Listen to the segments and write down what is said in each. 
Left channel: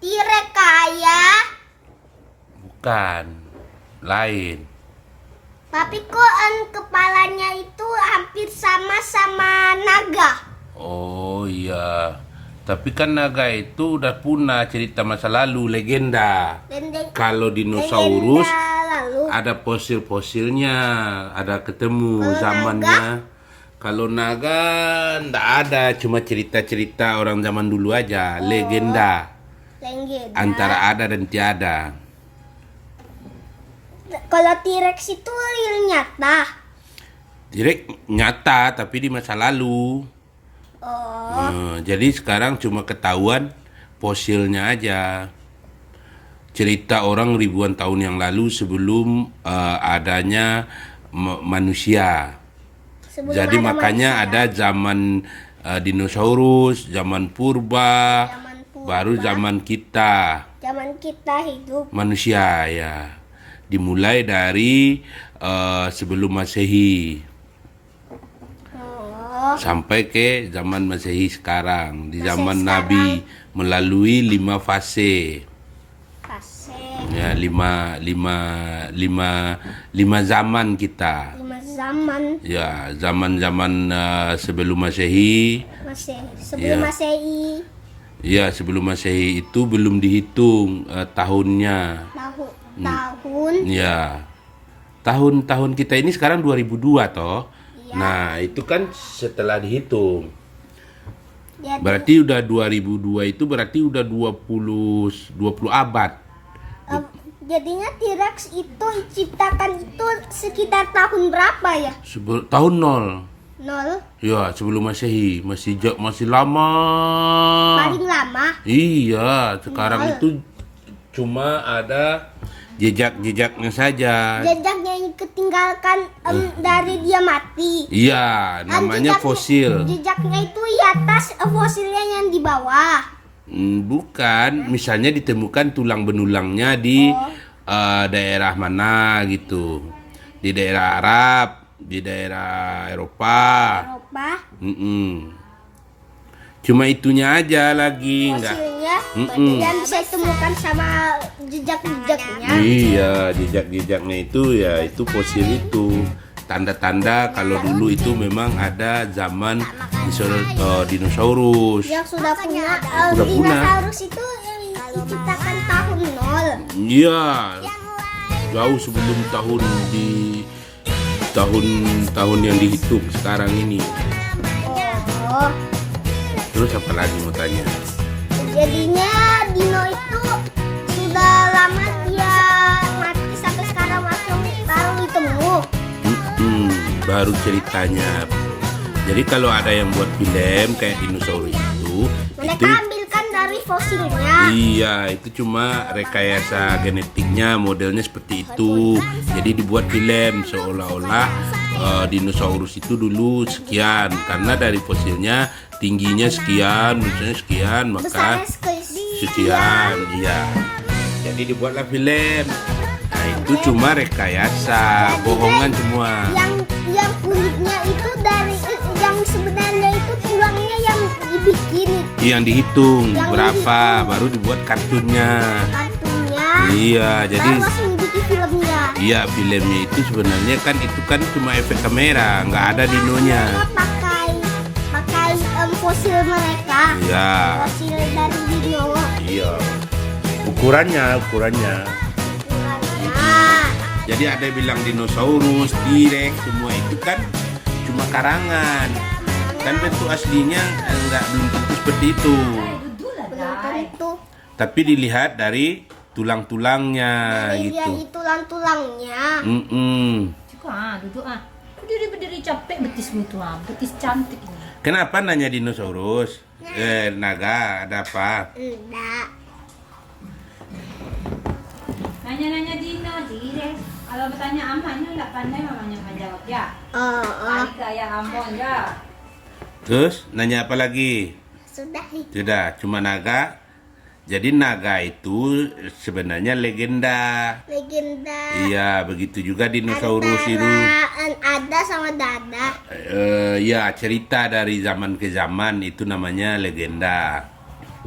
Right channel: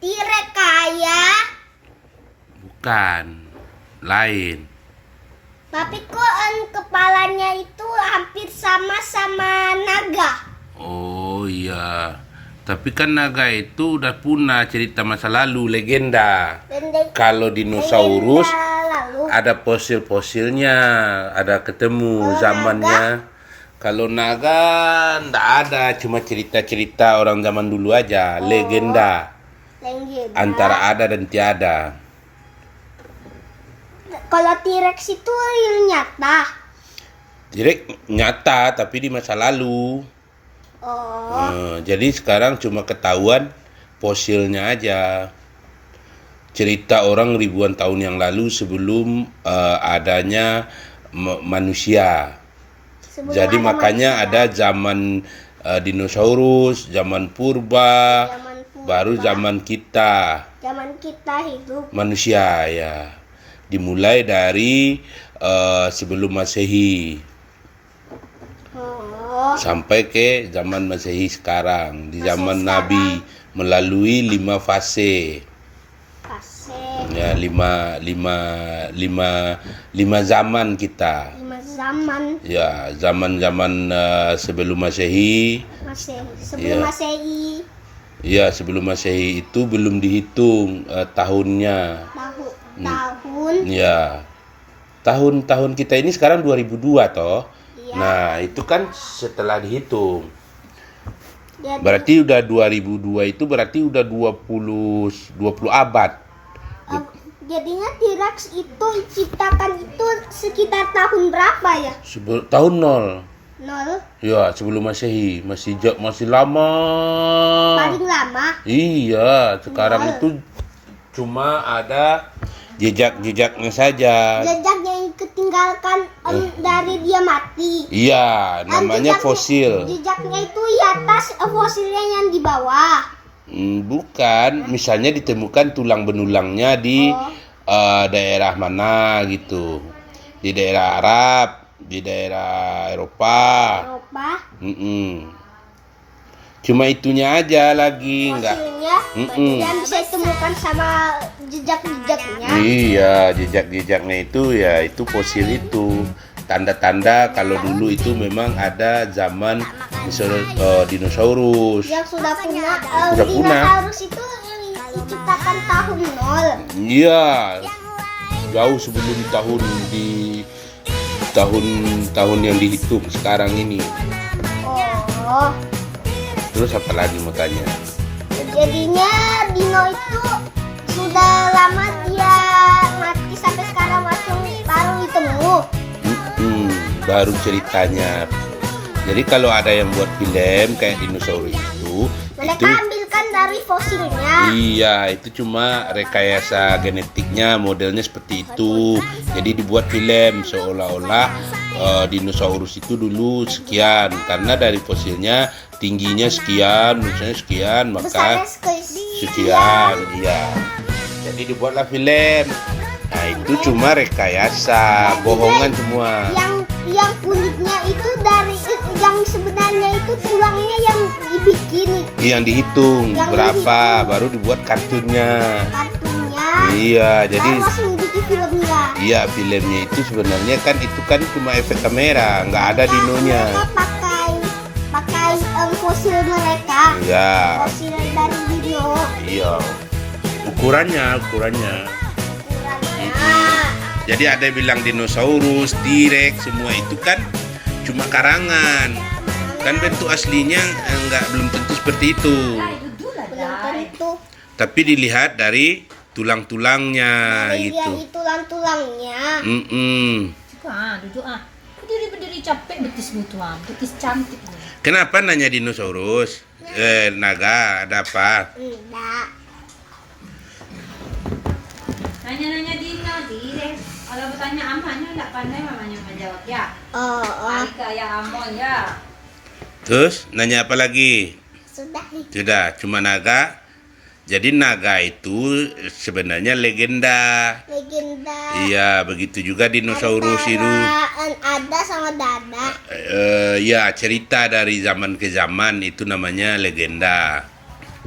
T-Rex kaya. Bukan. Lain. Tapi kok kepalanya itu hampir sama naga. Oh iya. Tapi kan naga itu udah punah, cerita masa lalu, legenda. Kalau dinosaurus Lalu ada fosil-fosilnya, ada ketemu Kalau zamannya. Kalau naga ndak ada, cuma cerita-cerita orang zaman dulu aja, legenda. Antara ada dan tiada. Kalau T-Rex itu real nyata. Direct nyata tapi di masa lalu. Oh, Jadi sekarang cuma ketahuan fosilnya aja. Cerita orang ribuan tahun yang lalu sebelum adanya manusia. sebelum Jadi ada makanya manusia. ada zaman dinosaurus, zaman purba, Zaman purba. baru zaman kita Zaman kita hidup. manusia ya. Dimulai dari sebelum Masehi Oh, sampai ke zaman Masehi sekarang. Di Masehi zaman sekarang. Nabi melalui 5 fase. fase Ya, lima zaman kita. 5 zaman Ya, zaman-zaman sebelum Masehi. sebelum Iya. Masehi. Ya, sebelum Masehi itu belum dihitung tahunnya. Tahun. Ya. Tahun-tahun kita ini sekarang 2002 toh. Iya. Nah, itu kan setelah dihitung. Jadi, Berarti udah 2002 itu berarti udah 20 abad. jadinya T-Rex itu diciptakan itu sekitar tahun berapa ya? Tahun 0. 0. Ya, sebelum Masehi, masih lama. Paling lama. Iya, sekarang Nol. itu cuma ada jejak-jejaknya saja. Jejaknya yang ketinggalkan dari dia mati. Iya, namanya Jejaknya- fosil. Jejaknya itu di atas, fosilnya yang di bawah. Bukan, misalnya ditemukan tulang benulangnya di daerah mana gitu. Di daerah Arab, di daerah Eropa. Eropa. Cuma itunya aja lagi, enggak. Fosilnya Mm-mm. dan bisa ditemukan sama jejak-jejaknya. Iya, jejak-jejaknya itu ya itu fosil itu. Tanda-tanda kalau dulu itu memang ada zaman dinosaurus. Yang sudah punah. Sudah punah. Dinosaurus itu diciptakan tahun 0. Iya, jauh sebelum tahun yang dihitung sekarang ini. Oh, Terus apa lagi mau tanya? jadinya dino itu sudah lama dia mati sampai sekarang masih baru ditemu. Baru ceritanya. Jadi kalau ada yang buat film kayak dinosaurus itu Mereka ambilkan dari fosilnya. iya, itu cuma rekayasa genetiknya, modelnya seperti itu. Jadi dibuat film seolah-olah dinosaurus itu dulu sekian, karena dari fosilnya tingginya sekian, misalnya sekian, maka Besarnya sekian, iya. Jadi dibuatlah film. Nah, itu cuma rekayasa, bohongan semua. Yang kulitnya itu dari yang sebenarnya itu tulangnya yang dibikin Yang dihitung Yang berapa, baru dibuat kartunnya. kartunya. Iya, jadi Baru langsung dibikin filmnya. iya filmnya itu sebenarnya kan itu kan cuma efek kamera, nggak ada dinonya. Mereka pakai fosil mereka. Iya, Fosil dari dino. iya. Ukurannya. Nah, Jadi ada yang bilang dinosaurus, T-Rex, semua itu kan cuma karangan. Kan bentuk aslinya belum tentu seperti itu. belum tentu. Tapi dilihat dari tulang-tulangnya Dari gitu. dia tulang-tulangnya. Duduk berdiri capek betis gitu betis cantik. Kenapa nanya dinosaurus? Naga, ada apa? Enggak. Nanya Dina, T-Rex. Kalau bertanya amanya nggak pandai mamanya menjawab ya. Oh, Kali kayak Amon ya. Terus nanya apa lagi? sudah nih. Sudah, cuma naga. Jadi naga itu sebenarnya legenda. Legenda. Iya, begitu juga dinosaurus itu. Ada sama dada. Ya, cerita dari zaman ke zaman itu namanya legenda.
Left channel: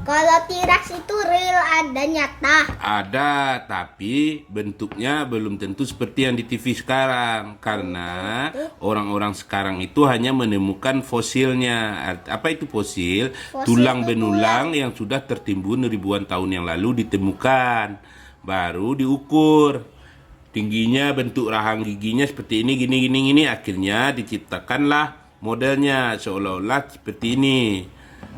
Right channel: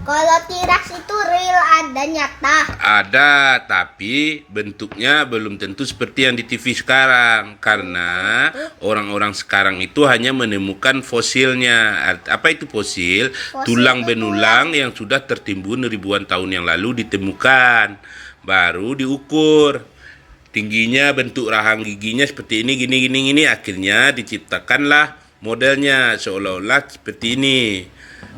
Kalau T-Rex itu real, ada nyata. Ada, tapi bentuknya belum tentu seperti yang di TV sekarang. Karena orang-orang sekarang itu hanya menemukan fosilnya. Apa itu fosil? Tulang benulang yang sudah tertimbun ribuan tahun yang lalu ditemukan. Baru diukur. Tingginya, bentuk rahang giginya seperti ini, gini. Akhirnya diciptakanlah modelnya seolah-olah seperti ini.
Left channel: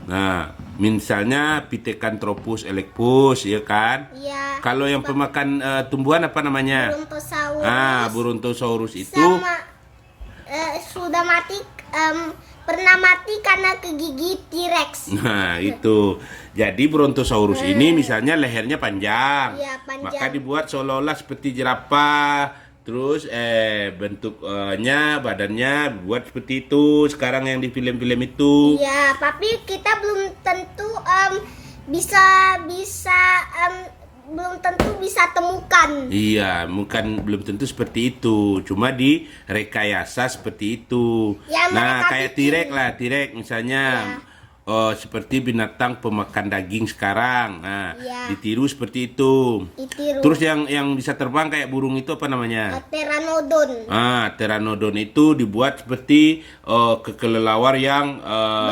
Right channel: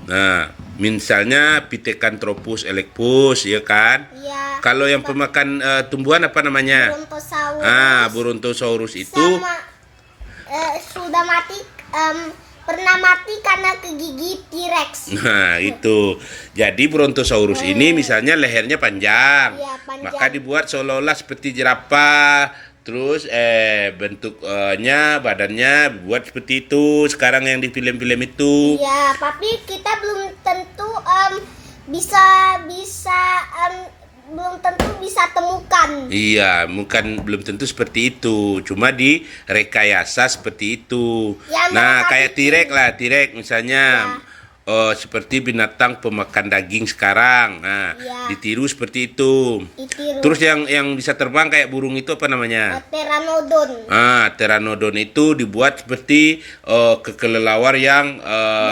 Nah, misalnya Pithecanthropus erectus, ya kan? Iya. Kalau yang pemakan tumbuhan apa namanya? Brontosaurus. Brontosaurus itu Sama sudah mati, pernah mati karena kegigit T-Rex. Nah, itu. Jadi Brontosaurus ini misalnya lehernya panjang. Iya, panjang. Maka dibuat seolah-olah seperti jerapah. Terus bentuknya, badannya buat seperti itu. Sekarang yang di film-film itu. Iya, tapi kita belum tentu bisa belum tentu bisa temukan. Iya, belum tentu seperti itu. Cuma di rekayasa seperti itu. Ya, Nah, mereka kayak bikin. T-Rex misalnya. Seperti binatang pemakan daging sekarang. Nah, Ya. ditiru seperti itu. Ditiru. Terus yang bisa terbang kayak burung itu apa namanya? Pteranodon. Pteranodon itu dibuat seperti kelelawar yang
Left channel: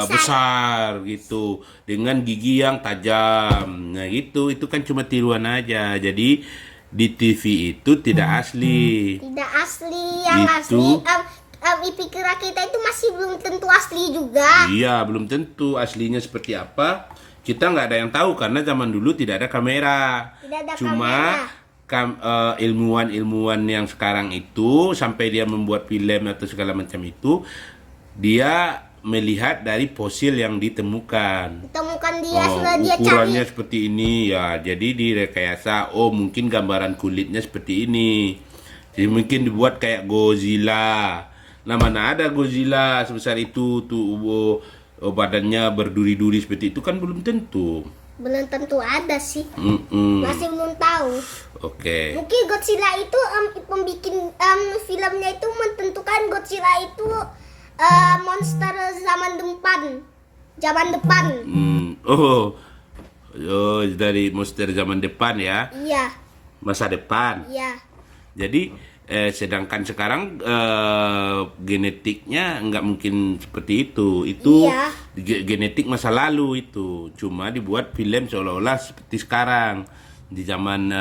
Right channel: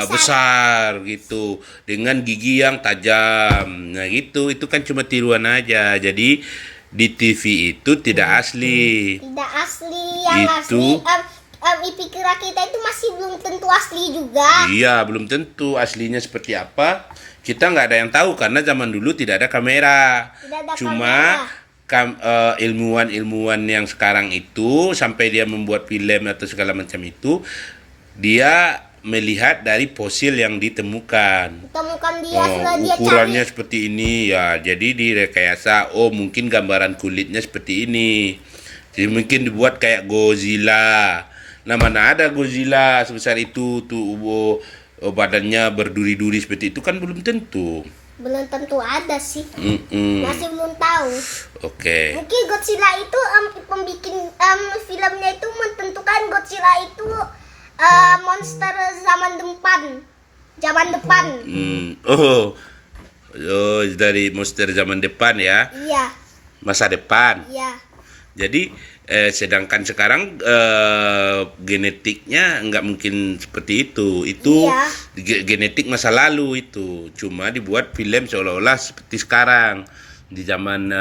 besar gitu, dengan gigi yang tajam. Nah, itu kan cuma tiruan aja. Jadi di TV itu tidak asli. Tidak asli, yang Itu. asli pikiran kita itu masih belum tentu asli juga. Iya, belum tentu aslinya seperti apa. Kita nggak ada yang tahu karena zaman dulu tidak ada kamera. Tidak ada Cuma ilmuwan-ilmuwan yang sekarang itu sampai dia membuat film atau segala macam itu, dia melihat dari fosil yang ditemukan. Temukan dia sudah dia Ukurannya cari. seperti ini ya. Jadi direkayasa. Mungkin gambaran kulitnya seperti ini. Jadi mungkin dibuat kayak Godzilla. Nah, mana ada Godzilla sebesar itu tuh, badannya berduri-duri seperti itu kan belum tentu. Belum tentu ada sih. Mm-mm. Masih belum tahu. Oke. Mungkin Godzilla itu pembikin filmnya itu menentukan Godzilla itu monster zaman depan. Zaman depan. Dari monster zaman depan ya, Iya, masa depan. iya. Jadi sedangkan sekarang genetiknya nggak mungkin seperti itu. Itu Iya. genetik masa lalu itu. Cuma dibuat film seolah-olah seperti sekarang di zaman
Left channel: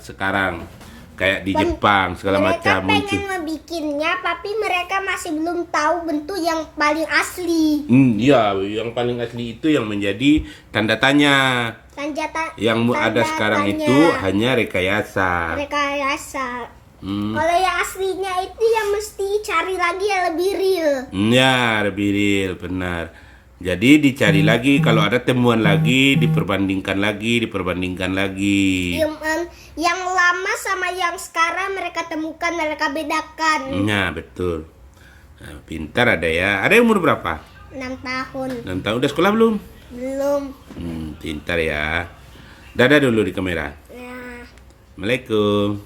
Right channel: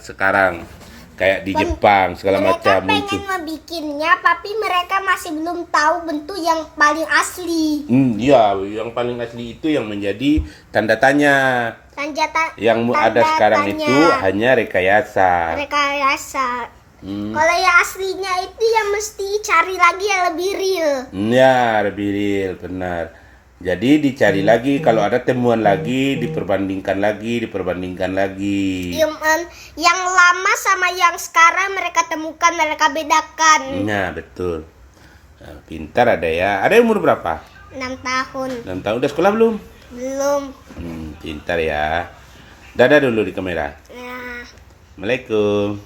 sekarang, kayak di Jepang segala Mereka macam pengen itu. ngebikinnya, tapi mereka masih belum tahu bentuk yang paling asli. Iya, yang paling asli itu yang menjadi tanda tanya. Yang ada Tanda sekarang tanya. itu hanya rekayasa. Rekayasa. Kalau yang aslinya itu yang mesti cari lagi yang lebih real. Ya, lebih real, benar. Jadi dicari lagi, kalau ada temuan lagi, diperbandingkan lagi. Yang lama sama yang sekarang mereka temukan, mereka bedakan. Ya, betul. Nah, pintar ada ya. Ada yang umur berapa? 6 tahun. 6 tahun, udah sekolah belum? Belum. Pintar ya. Dadah dulu di kamera. Nah. Assalamualaikum.